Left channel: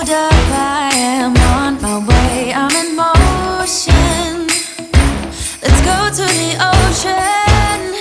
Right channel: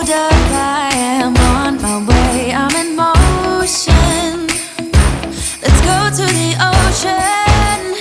Hold up, I am on my way, I'm in motion. Let's go to the ocean.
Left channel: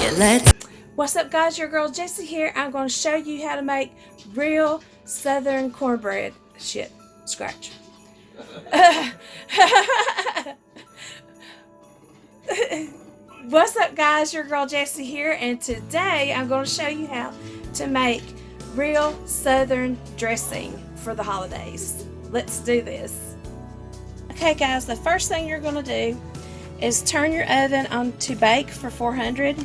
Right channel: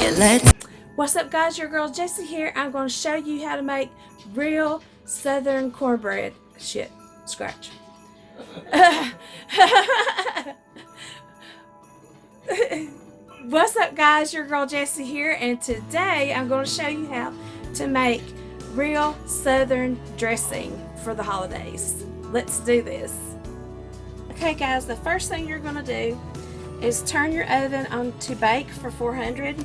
Yeah, let's. What's up, guys? Your girl Jessie here. I'm going to show you how to make real southern cornbread. Shit, scratch. What's up, guys? Your girl Jessie here, and today I'm going to show you how to make real southern dressing for the holidays. Let's do this. Okay, guys, the first thing you're going to do is turn your oven on to bake for 400.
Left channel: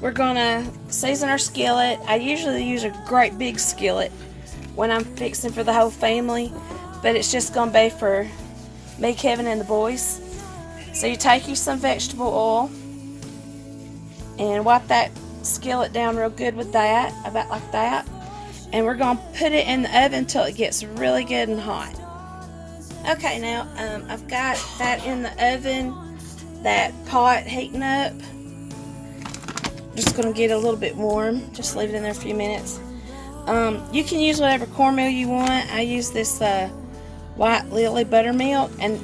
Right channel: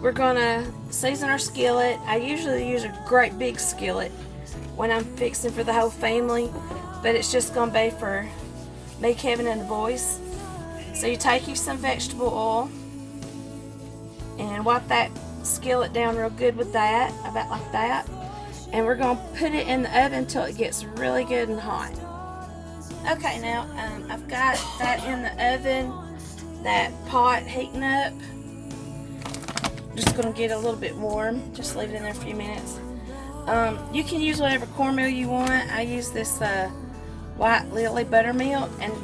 We're going to season our skillet. I usually use a great big skillet when I'm fixing for the whole family, but it's just going to be for me, Kevin, and the boys. So you take you some vegetable oil and wipe that skillet down real good with that, about like that. And we're going to put it in the oven until it gets really good and hot. Okay, now I've got that in the oven, that pot heating up. Just going to get a little bit warm. Just leave it in there a few minutes. You can use whatever cornmeal you want. I use this White Lily buttermilk, and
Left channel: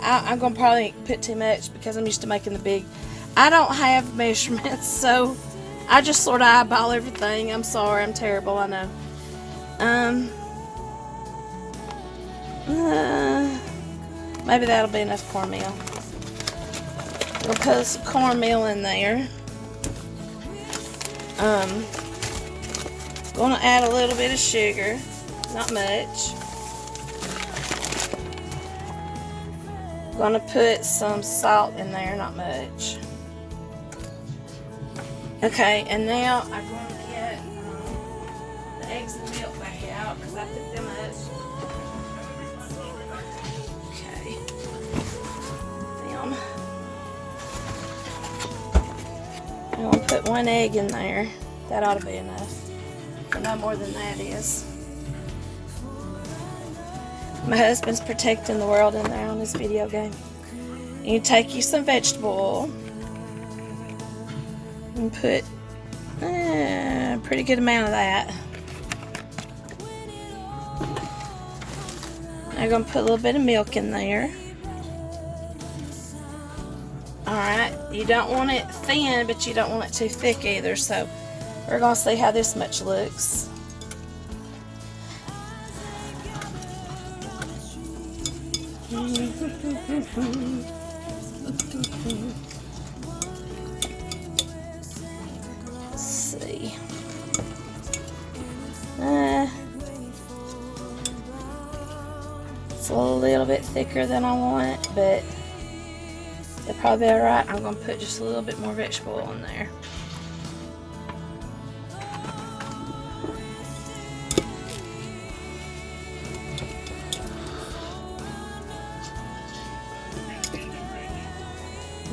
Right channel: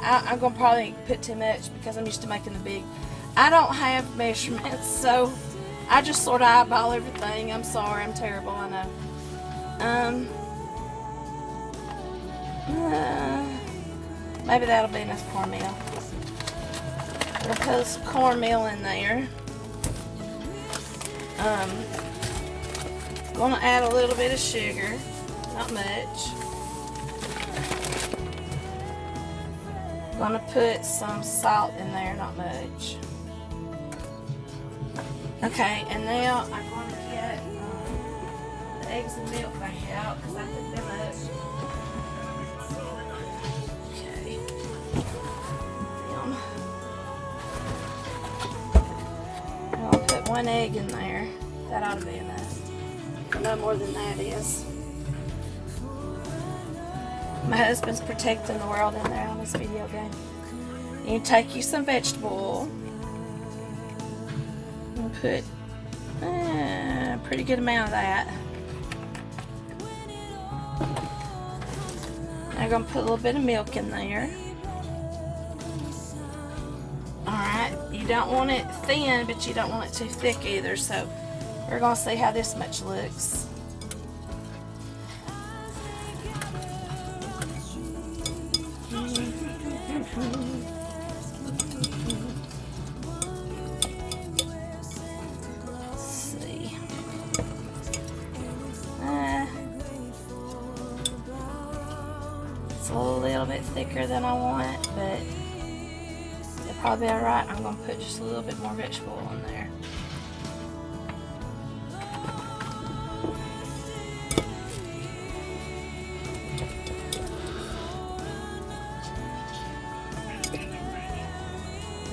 I'm going to probably put too much because I'm used to making the big. I don't have measurements, so I just sort of eyeball everything. I'm sorry, I'm terrible, I know. Maybe that'll be enough cornmeal. We'll put some cornmeal in there. Gonna add a little bit of sugar, not much. Gonna put some salt in there, not much. Okay, and now I'm going to get the eggs and milk back out because I put them up. Okay. I'm going to put one egg in there. That ought to be enough. No more than that is. My husband's protecting the world in there on this video game. You take you some vegetable oil and put a pretty good amount of that. I'm going to put a little bit of milk in there. Alright, you don't want it thin, but you don't want it too thick either, so we're going to see how this much looks. Let's see. It's a little bit thicker than I want, but it'll probably be alright. I'm going to put just a little bit more vegetable oil in there.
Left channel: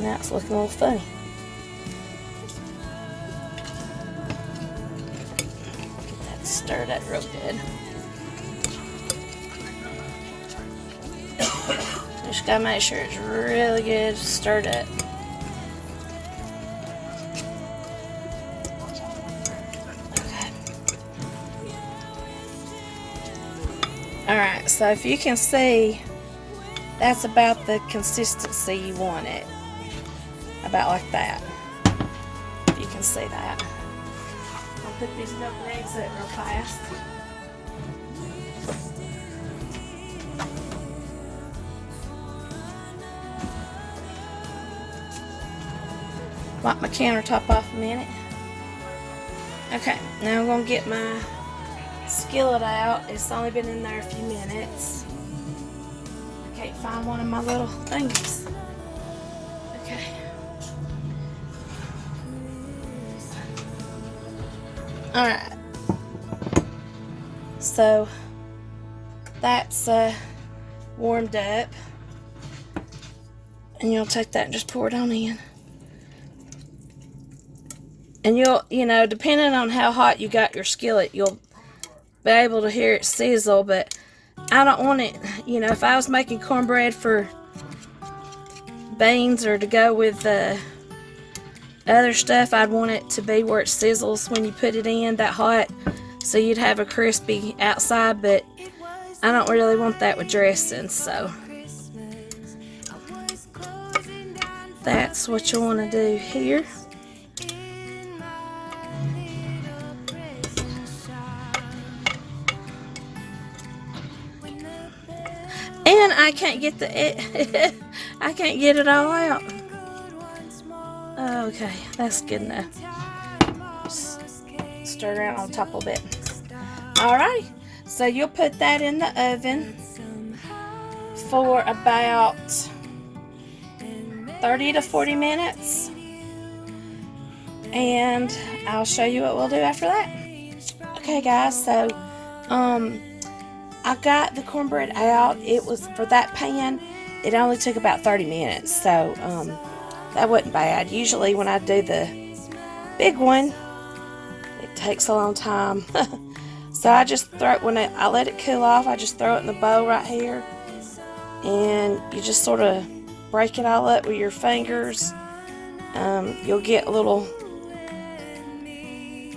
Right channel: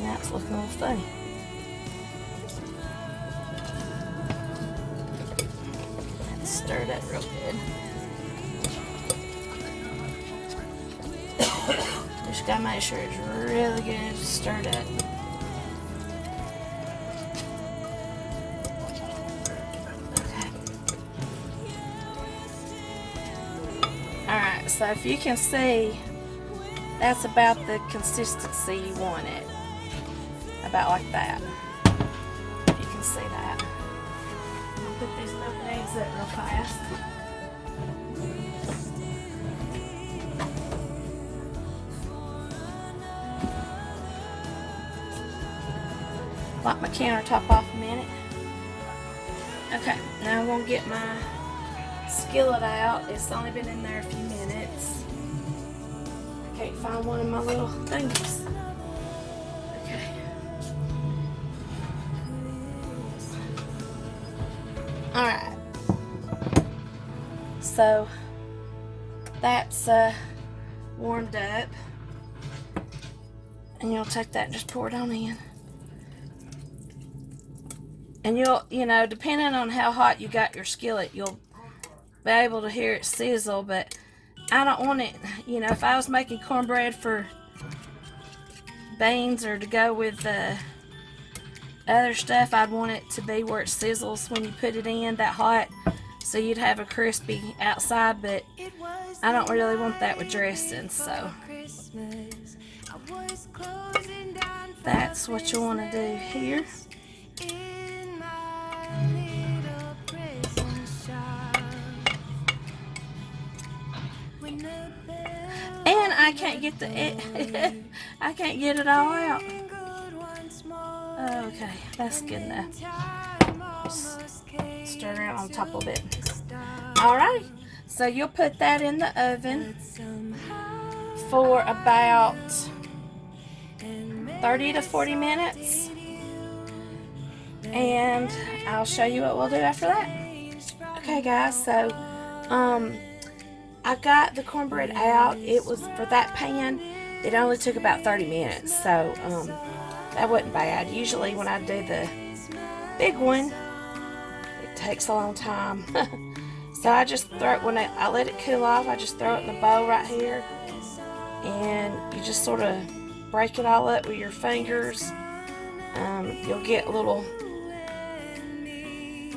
That's looking a little funny. Stir that real good. Just gotta make sure it's really good stirred up. Okay. Alright, so if you can see, that's about the consistency you want it. About like that. If you can see that. I'll put these double eggs up real fast. Wipe my countertop off a minute. Okay, now I'm going to get my skillet out. It's only been in there a few minutes. I can't find one of my little things. Alright, so that's warmed up, and you'll take that and just pour it on in. And you know, depending on how hot you got your skillet, you'll be able to hear it sizzle, but I don't want it, you know, if I was making cornbread for beans or to go with other stuff, I'd want it to be where it sizzles when you put it in that hot. so you'd have a crispy outside, but I don't really want that with dressing, so that's what you want to do here. And I can't get I can't get it all out. Okay, that's good enough. Just stir around on top a little bit. Alright, so you'll put that in the oven for about 30 to 40 minutes. And I'll show you what we'll do after that. Okay guys, so I got the cornbread out. It was, for that pan, it only took about 30 minutes, so that wasn't bad. Usually when I do the big one, it takes a long time. So I just throw it, when I let it cool off, I just throw it in the bowl right here, and you just sort of break it all up with your fingers. You'll get little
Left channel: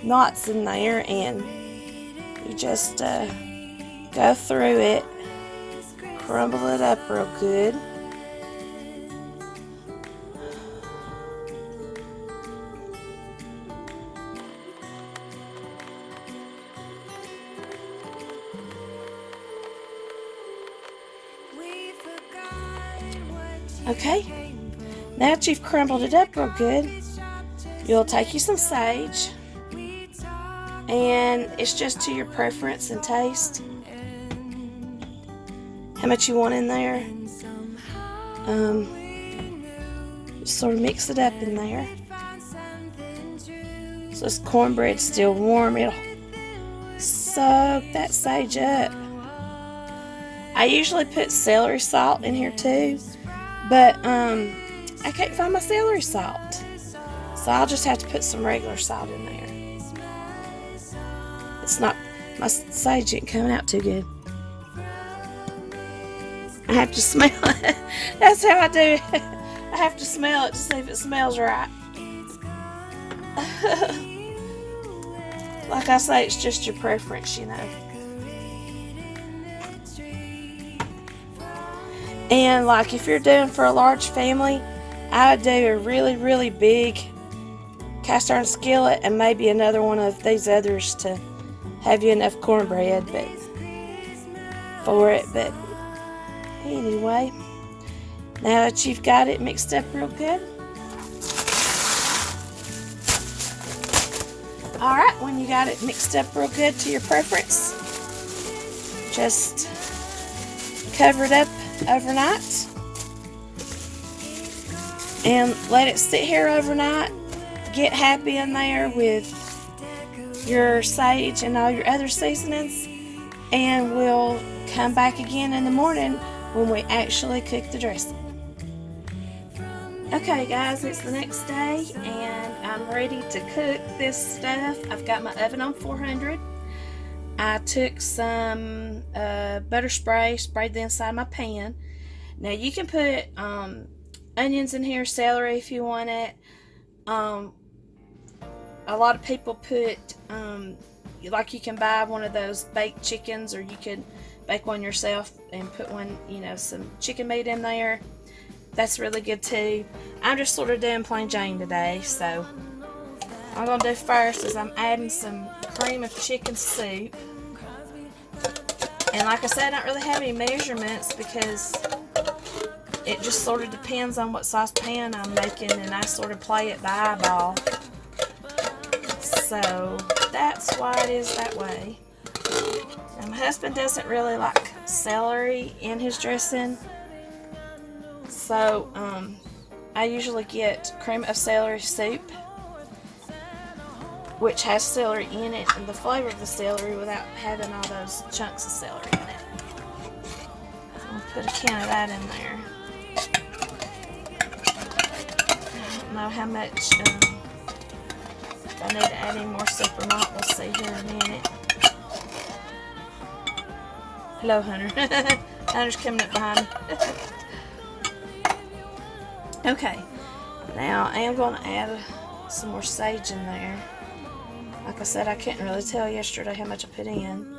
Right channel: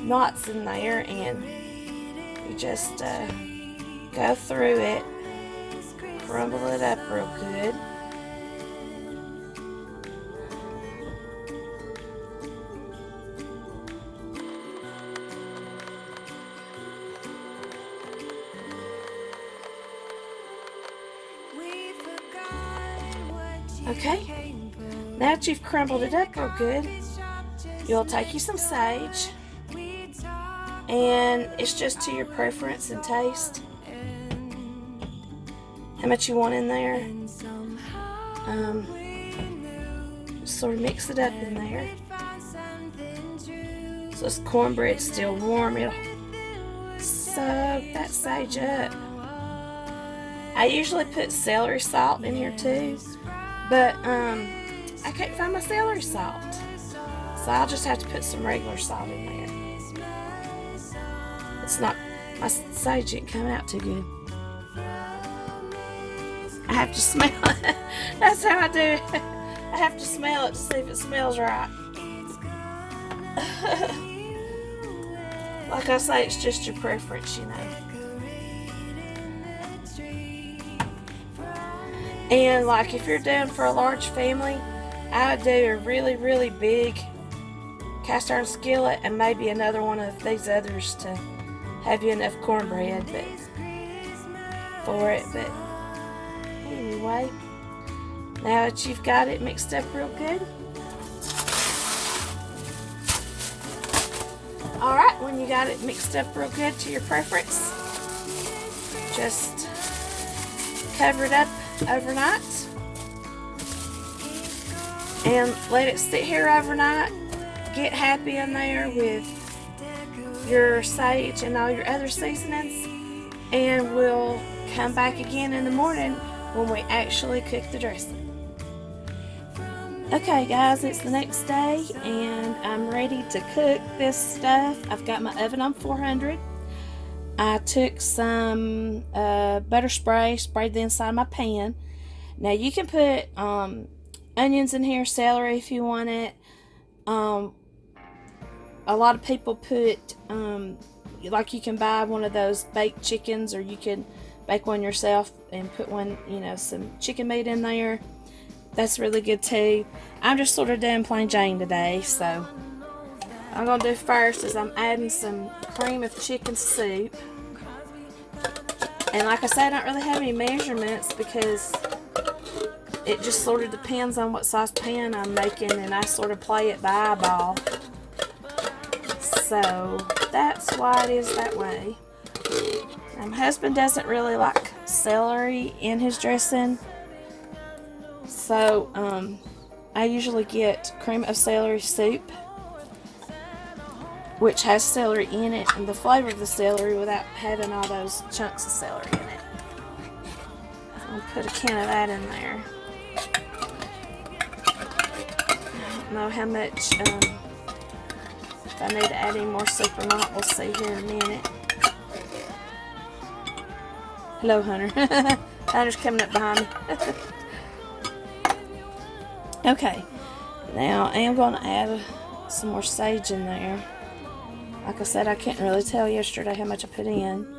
knots in there, and you just go through it, crumble it up real good. Okay, now that you've crumbled it up real good, you'll take you some sage, and it's just to your preference and taste how much you want in there. Just sort of mix it up in there. So this cornbread's still warm, it'll soak that sage up. I usually put celery salt in here too, but I can't find my celery salt, so I'll just have to put some regular salt in there. It's not, my sage didn't come out too good. I have to smell it. That's how I do it. I have to smell it to see if it smells right. Like I say, it's just your preference, you know. And like if you're doing for a large family, I would do a really, really big cast iron skillet and maybe another one of these others to have you enough cornbread for it. But anyway, now that you've got it mixed up real good, alright, when you got it mixed up real good to your preference, just cover it up overnight and let it sit here overnight. Get happy in there with your sage and all your other seasonings, and we'll come back again in the morning when we actually cook the dressing. Okay guys, it's the next day and I'm ready to cook this stuff. I've got my oven on 400. I took some butter spray, sprayed the inside of my pan. Now you can put onions in here, celery if you want it. A lot of people put, like you can buy one of those baked chickens, or you can bake one yourself and put one, you know, some chicken meat in there. That's really good too. I'm just sort of doing plain Jane today, so I'm going to do first is I'm adding some cream of chicken soup. And like I said, I don't really have any measurements because it just sort of depends on what size pan I'm making, and I sort of play it by eyeball. So that's why it is that way. And my husband doesn't really like celery in his dressing, so I usually get cream of celery soup, which has celery in it and the flavor of the celery without having all those chunks of celery in it. I'll put a can of that in there. I don't know how much, if I need to add any more soup or not, we'll see here in a minute. Hello, Hunter. Hunter's coming up behind me. Okay, now I am going to add some more sage in there. Like I said, I couldn't really tell yesterday how much I put in.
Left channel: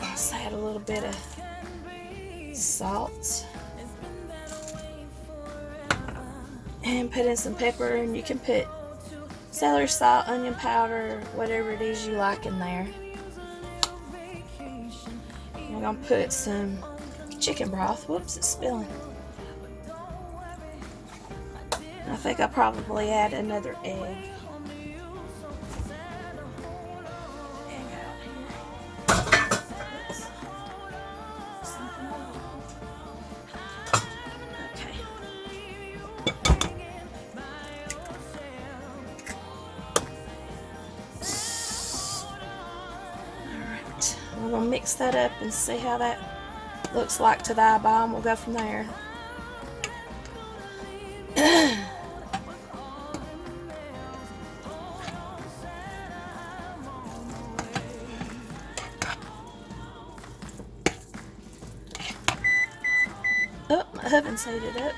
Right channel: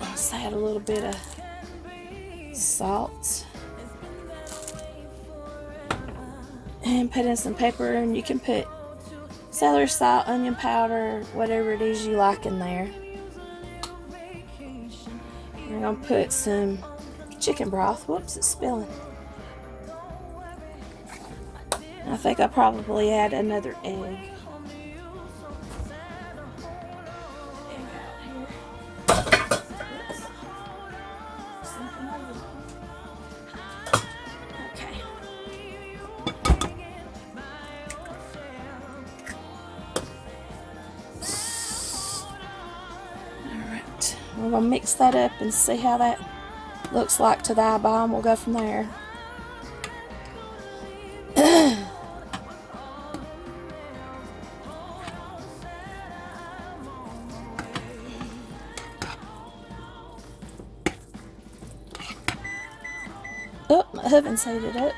Let's add a little bit of salt. And put in some pepper, and you can put celery salt, onion powder, whatever it is you like in there. I'm going to put some chicken broth. Whoops, it's spilling. I think I'll probably add another egg. We're going to mix that up and see how that looks like to the eyeball, and we'll go from there. Oh, my oven's heated up.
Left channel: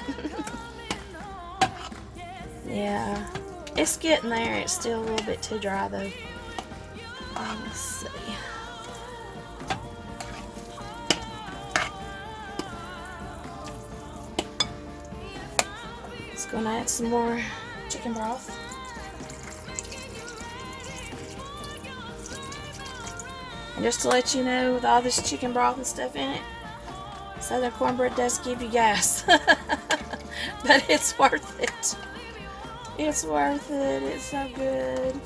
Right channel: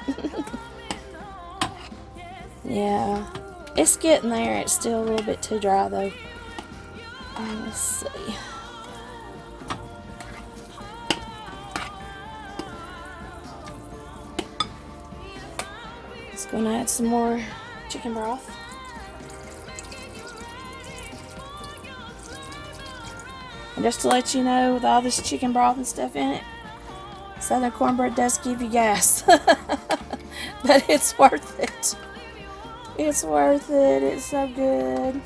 Yeah, it's getting there. It's still a little bit too dry though. Let's see. Going to add some more chicken broth. And just to let you know, with all this chicken broth and stuff in it, Southern cornbread does give you gas. But it's worth it. It's worth it. It's so good.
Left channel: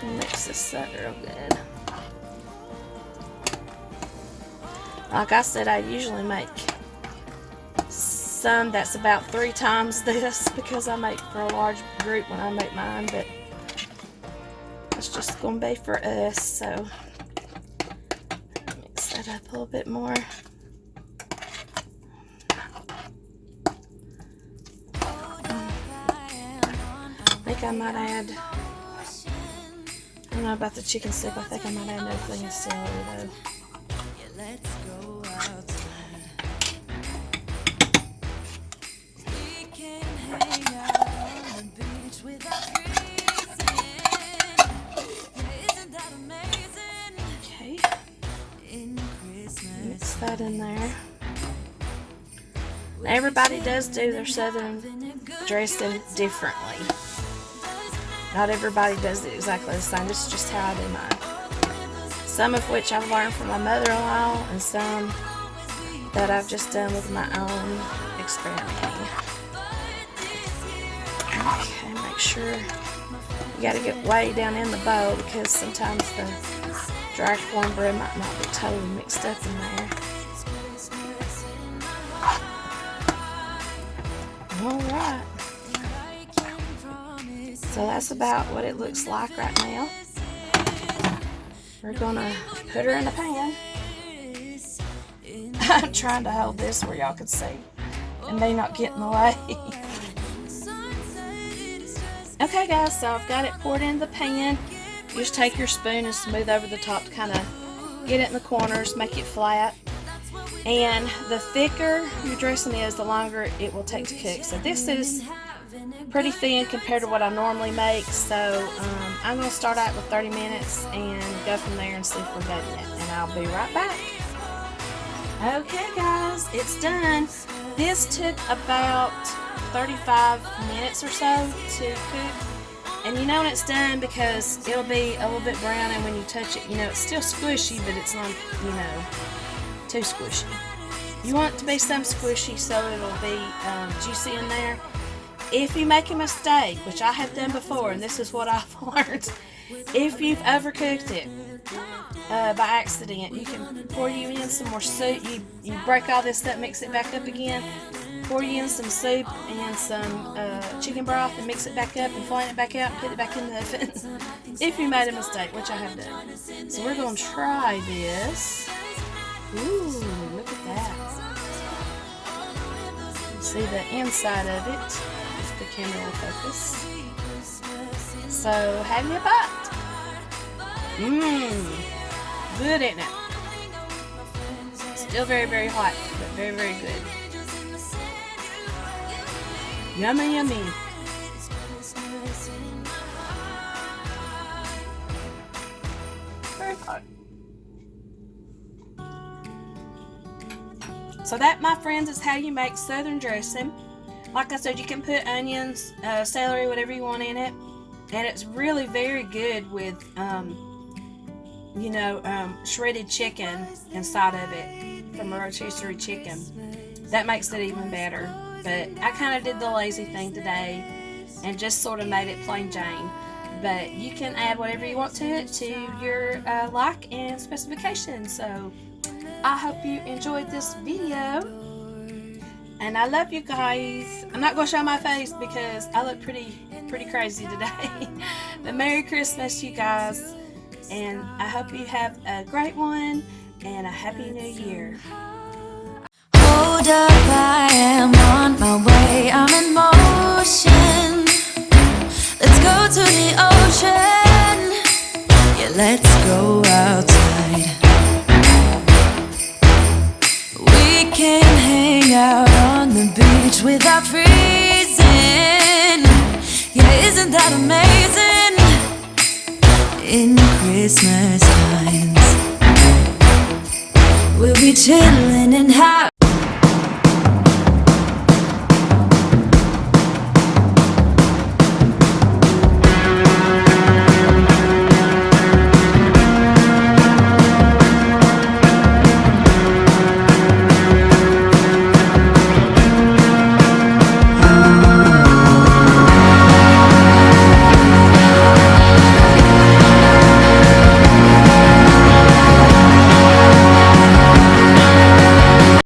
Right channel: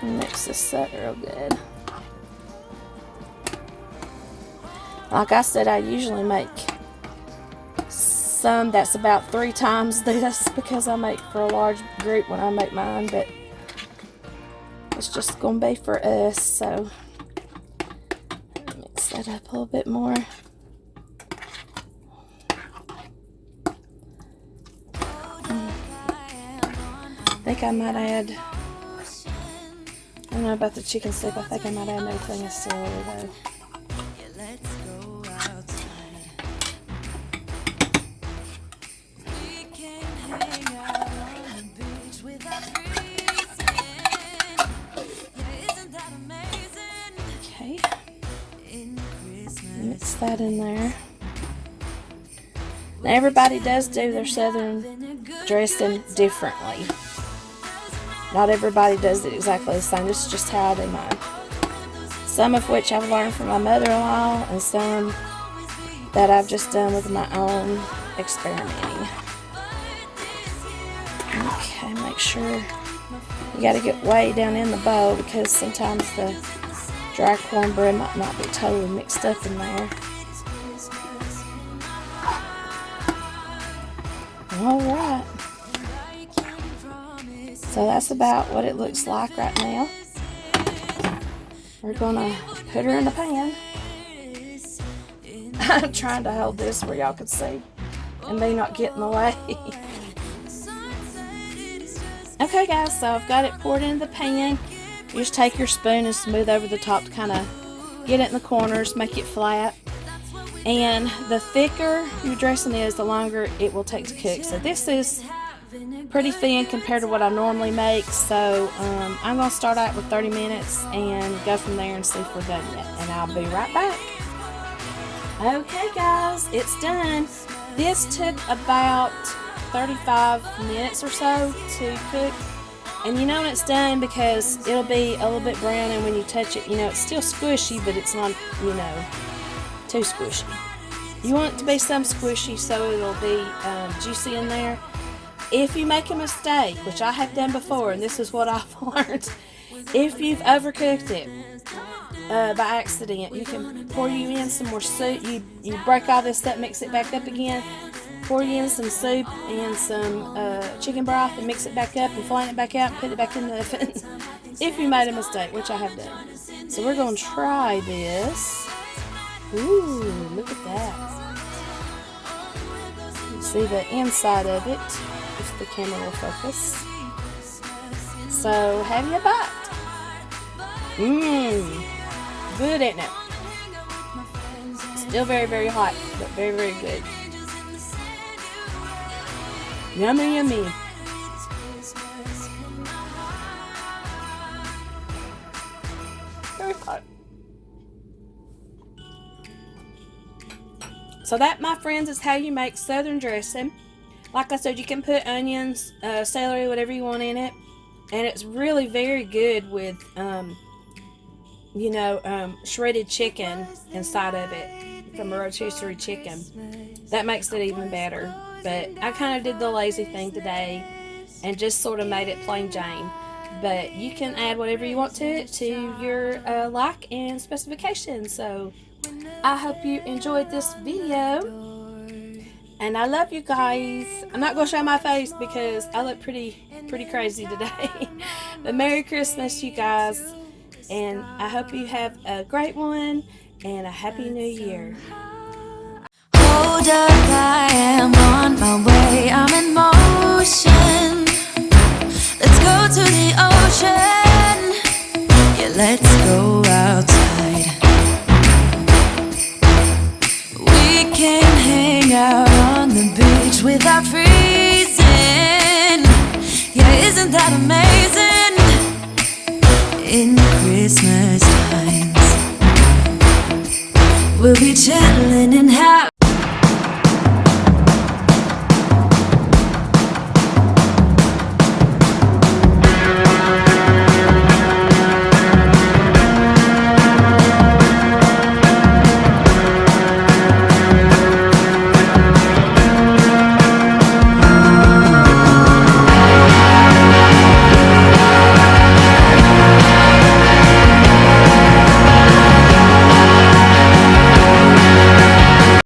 And mix this up real good. Like I said, I usually make some that's about 3 times this because I make for a large group when I make mine, but it's just gonna be for us, so mix that up a little bit more. I think I might add, I don't know about the chicken soup, I think I might add another thing of celery though. Let's go outside. We can hang out on the beach without freezing. Yeah, isn't that amazing? Okay. In Christmas. Mix that in there. Now everybody does do their southern dressing differently. Not everybody does it exactly the same. This is just how I do mine. Some of which I've learned from my mother-in-law, and some that I've just done with my own experimenting. Okay, make sure you got to get way down in the bowl because sometimes the dry cornbread might not be totally mixed up in there. Alright. So that's about what it looks like right now. We're gonna put her in the pan. I'm trying to hold this where y'all can see and me not get in the way. Okay guys, so I've got it poured into the pan. You just take your spoon and smooth over the top to kind of get it in the corners, make it flat. And the thicker your dressing is, the longer it will take to cook. So this is pretty thin compared to what I normally make, so I'm going to start out with 30 minutes and go from there and see if we're done yet, and I'll be right back. Okay guys, it's done. This took about 35 minutes or so to cook, and you know when it's done because it'll be a little bit brown, and when you touch it, you know it's still squishy, but it's not, you know, too squishy. You want it to be some squishy so it'll be juicy in there. If you make a mistake, which I have done before, and this is what I've learned, if you've overcooked it by accident, you can pour you in some more soup. You break all this up, mix it back up again, pour you in some soup and some chicken broth and mix it back up and flatten it back out, put it back in the oven. If you made a mistake, which I have done. So we're going to try this. Ooh, look at that. You see the inside of it. If the camera will focus. So, have you a bite? Good, ain't it? Still very, very hot, but very, very good. Yummy, yummy. Very hot. So that, my friends, is how you make Southern dressing. Like I said, you can put onions, celery, whatever you want in it. And it's really very good with, shredded chicken inside of it from a rotisserie chicken. That makes it even better. But I kind of did the lazy thing today and just sort of made it plain Jane. But you can add whatever you want to it to your like and specifications. So I hope you enjoyed this video. And I love you guys. I'm not going to show my face because I look pretty crazy today. But Merry Christmas, you guys. And I hope you have a great one and a Happy New Year. Hold up, I am on my way, I'm in motion. Let's go to the ocean. Yeah, let's go outside. We can hang out on the beach without freezing. Yeah, isn't that amazing? In Christmas times, we'll be chilling and happy.